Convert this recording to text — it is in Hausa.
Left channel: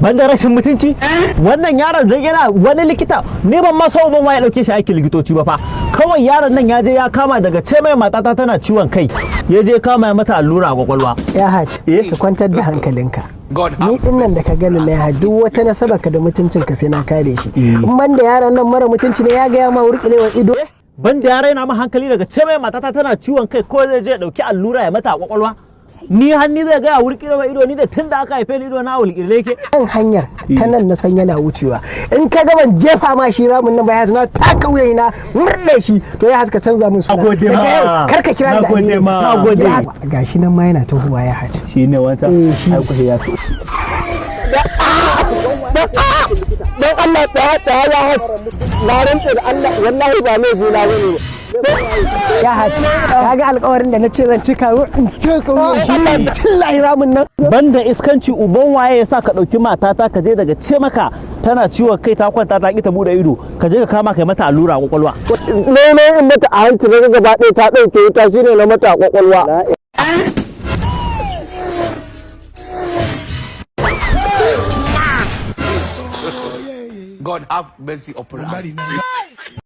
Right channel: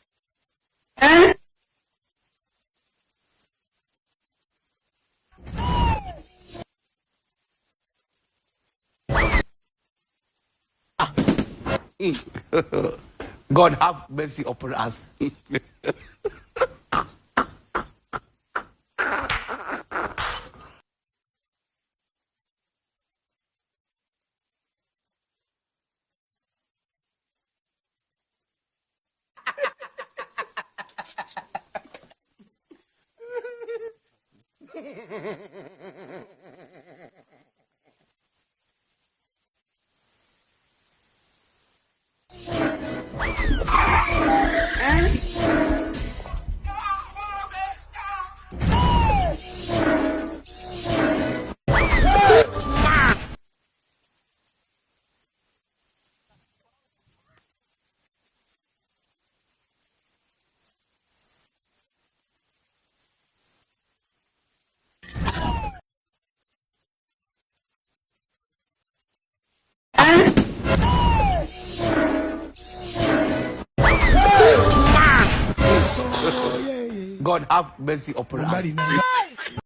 banda rashin mutunci wannan yaron da yana wani likita ne ban ma sau ban ya dauke shi aikin likitoci ba fa kawai yaron nan ya je ya kama daga ce mai matata tana ciwon kai ya je kama ya mata allura a kwakwalwa ya haji ka kwantar da hankalinka ni din nan da ka gani na ya duk wata nasaba ka da mutuncin ka sai na kare shi in banda yaron nan mara mutunci ne ya ga ya ma wurkulewa ido banda ya raina ma hankali daga ce mai matata tana ciwon kai ko zai je dauki allura ya mata a kwakwalwa ni hanni zai gaya wulƙirewa ido ni da tun da aka haife ni ido na wulƙire ke kan hanyar ta nan na san yana wucewa in ka ga ban jefa ma shi ramin nan ba ya na taka wuyayi na murɗe shi to ya haska canza min suna gode ma kar ka kira da gode ma gode gashi nan ma yana tahowa ya haji shine wata ai ku ya so dan Allah ta ya haji na rantsa da Allah wallahi ba mai juna bane ya haji kaga alƙawarin da na ce zan cika in taka wuyan shi tillahi ramin nan banda iskanci uban waye yasa ka dauki matata ka je daga ce maka tana ciwon kai ta kwanta ta ki ta bude ido ka je ka kama kai mata allura a kwakwalwa ne in mata a hanci na gaba ɗaya ta dauke wuta shine na mata a kwakwalwa God have mercy upon us.